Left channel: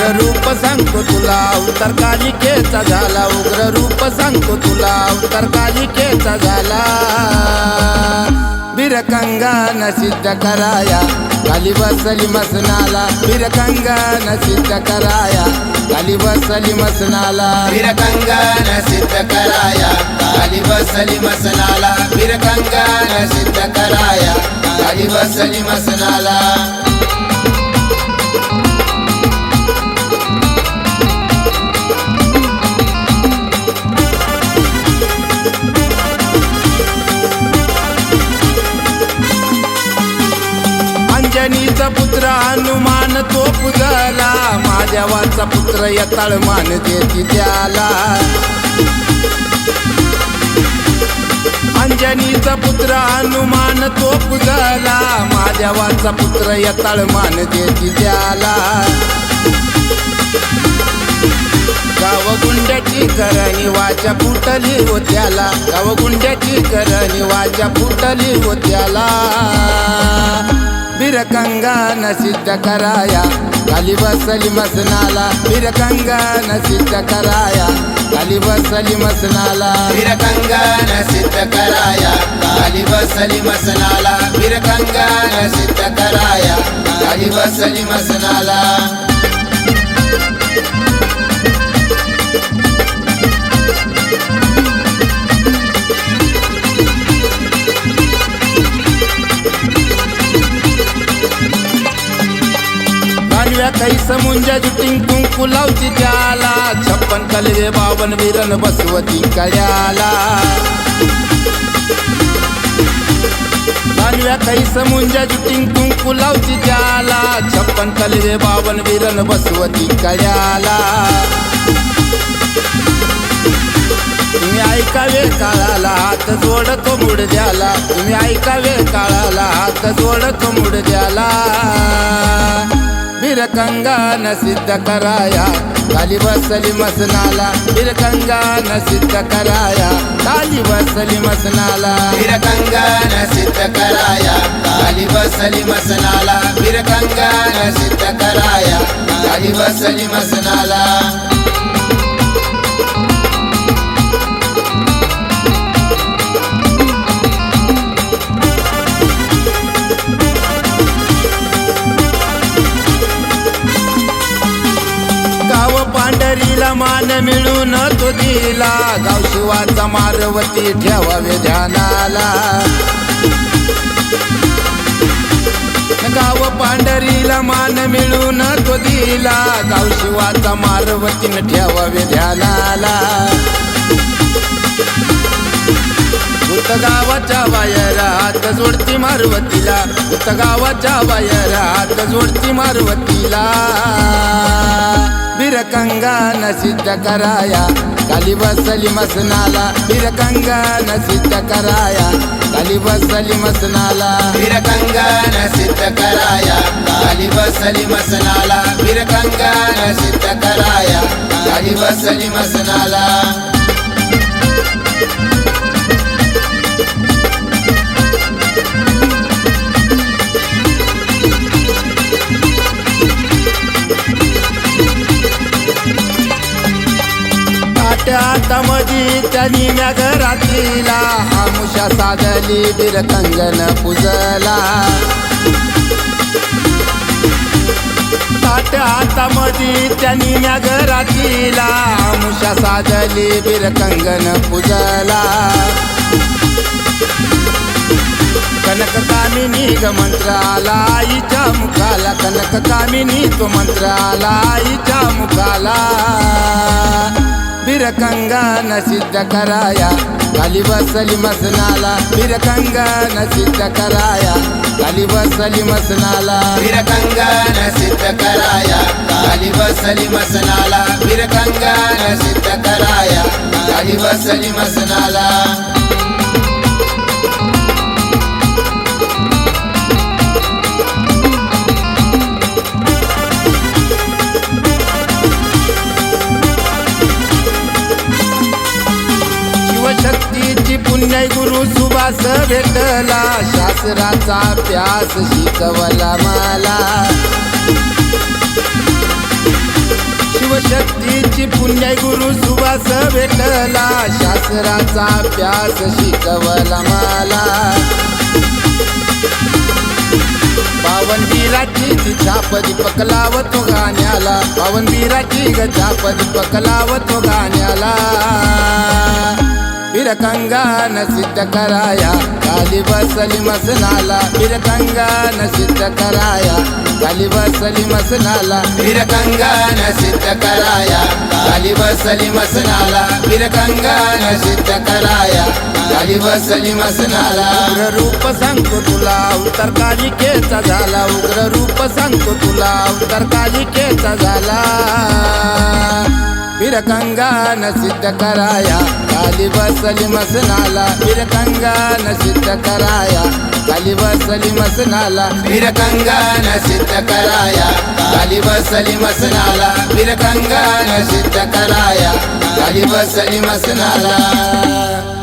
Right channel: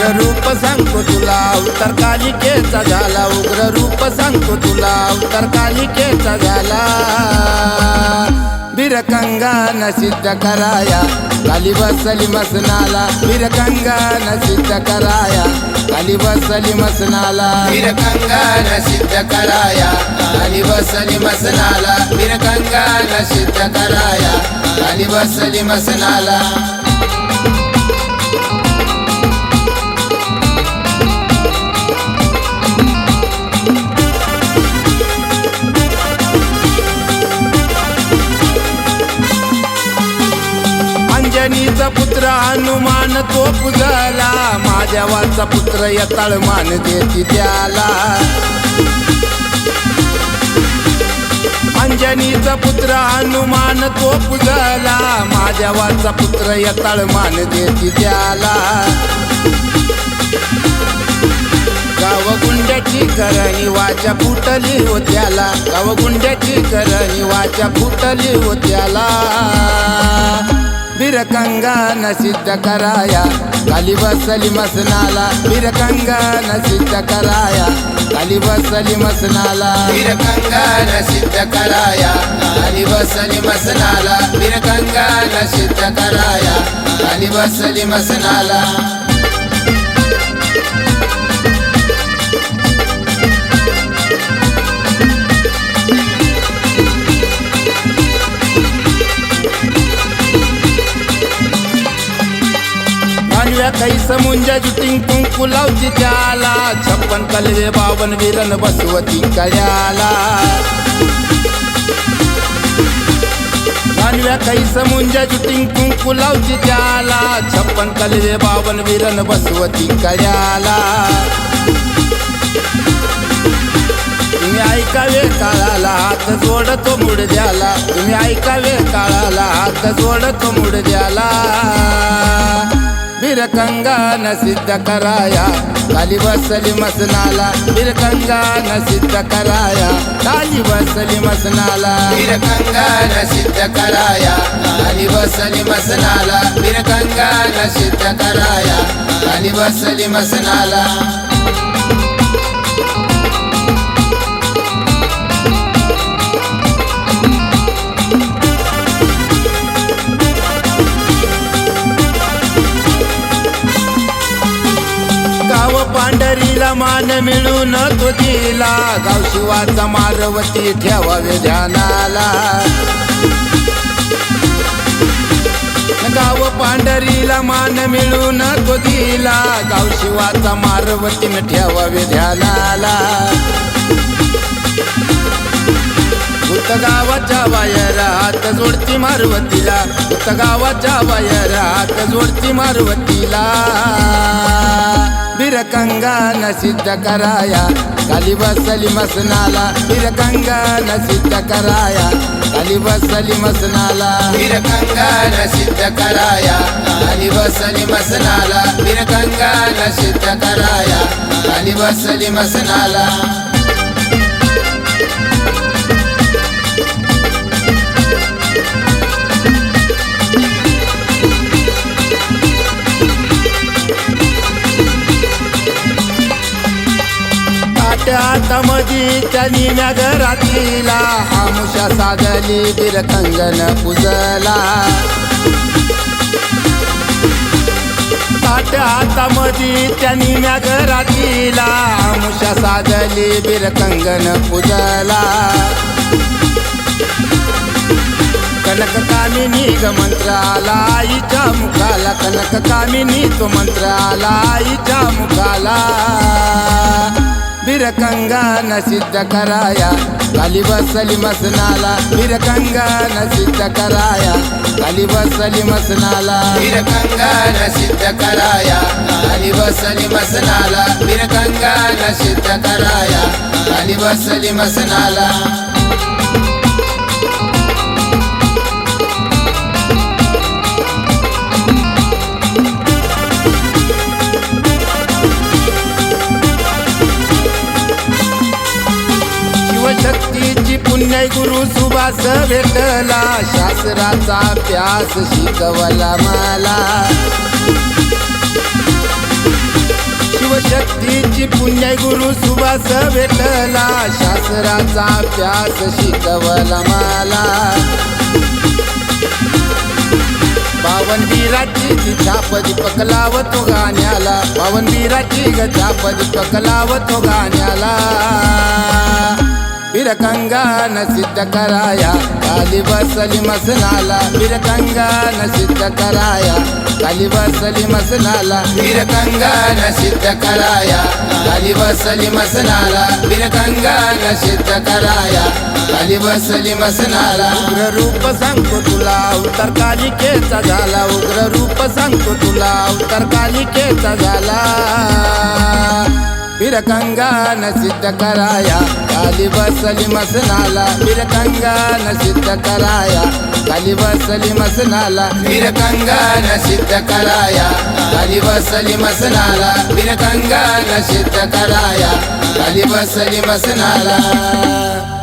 रूप सांगतो तुला. अवतार कालिकेचा झाला. उग्र रूप सांगतो तुला. अवतार कालिकेचा झाला. बिरकंगान सिद्ध कराया. काली बसली मसनाला. बिरकंगान सिद्ध कराया. काली बसली मसनाला. बिरकंगान सिद्ध कराया. काली बसली मसनाला. बिरकंगान सिद्ध कराया. काली बसली मसनाला. अंजनीचा पुत्र हनुमान तो पुजला माझ्यावाचा पुत्र या तळमान देती त्याला अंजनीचा पुत्र हनुमान तो पुजला माझ्यावाचा पुत्र या तळमान देती त्याला गावगुंड्याची करणी वाचा फुटली होत्याला. गाव गुंड्याची करणी वाचा फुटली होत्याला. बिरकंगान सिद्ध कराया. काली बसली मसनाला बिरकंगान सिद्ध कराया. काली बसली मसनाला बिरकंगान सिद्ध कराया. काली बसली मसनाला बिरकंगान सिद्ध कराया. काली बसली मसनाला मानव्या काही समुंजा जुटिंग कुंकू लावची त्याला. छप्पन कलवे बावन विरण बसवती कड्याला कानव्या काही समुंजा जुटिंग कुंकू लावची त्याला. छप्पन कलवे बावन विरण बसवती कड्याला तुम्ही ऐकावे काळाला हात जोडतो मुडद्याला. तुम्ही ऐकावे काळाला हात जोडतो मुडद्याला. बिरकंगान सिद्ध कराया काली बसली मसनाला बिरकंगान सिद्ध कराया काली बसली मसनाला बिरकंगान सिद्ध कराया काली बसली मसनाला बिरकंगान सिद्ध कराया काली बसली मसनाला गाव पांढरीला मान मिळून तो दिला. गाव शिवाचा मारवती ठेवावे ध्यानाला. गाव पांढरीला मान मिळून तो दिला. गाव शिवाचा मारवतीन ठेवावे ध्यानाला. भूत गावाच्या बाहेर हात जोडती मारवतीला. भूत गावाच्या बाहेर हात जोडती मारवतीला. बिरकंगान सिद्ध कराया. काली बसली मसनाला. बिरकंगान सिद्ध कराया. काली बसली मसनाला. बिरकंगान सिद्ध कराया. काली बसली मसनाला. बिरकंगान सिद्ध कराया. काली बसली मसनाला. ताट्यात मधी त्यांनी म्या घरातीला आमुषा साधली बिरकंगन पुजला. ताट्या हातामध्ये त्यांनी म्या घरातीला आमुषा साधली बिरकंगन पुजला. कनक कामिनी ग मंत्र आला आईच्या मुखाला. कनक कामिनी तो मंत्र आला आईच्या मुखाला. बिरकंगान सिद्ध कराया काली बसली मसनाला बिरकंगान सिद्ध कराया काली बसली मसनाला बिरकंगान सिद्ध कराया काली बसली मसनाला बिरकंगान सिद्ध कराया काली बसली मसनाला शक्तीची पुण्य गुरु सुभास भेटला. शास्त्राचा प्यास शिकवला मला. शिवशक्तीची पुण्य गुरु सुवास भेटला. शास्त्राचा प्यास शिकवला मला. पावनबीराची ती छाप दीपक लावतो गाण्याला. पावनबीराची ग छाप दीपक लावतो गाण्याला. बिरकंगान सिद्ध कराया. काली बसली मसनाला बिरकंगान सिद्ध कराया. काली बसली मसनाला बिरकंगान सिद्ध कराया. काली बसली मसनाला बिरकंगान सिद्ध कराया. काली बसली मसनाला उग्र रूप सांगतो तुला अवतार कालिकेचा झाला. उग्र रूप सांगतो तुला अवतार कालिकेचा झाला. बिरकंगान सिद्ध कराया काली बसली मसनाला बिरकंगान सिद्ध कराया काली बसली मसनाला बिरकंगान सिद्ध कराया काली बसली मसनाला बिरकंगान सिद्ध कराया काली बसली मसनाला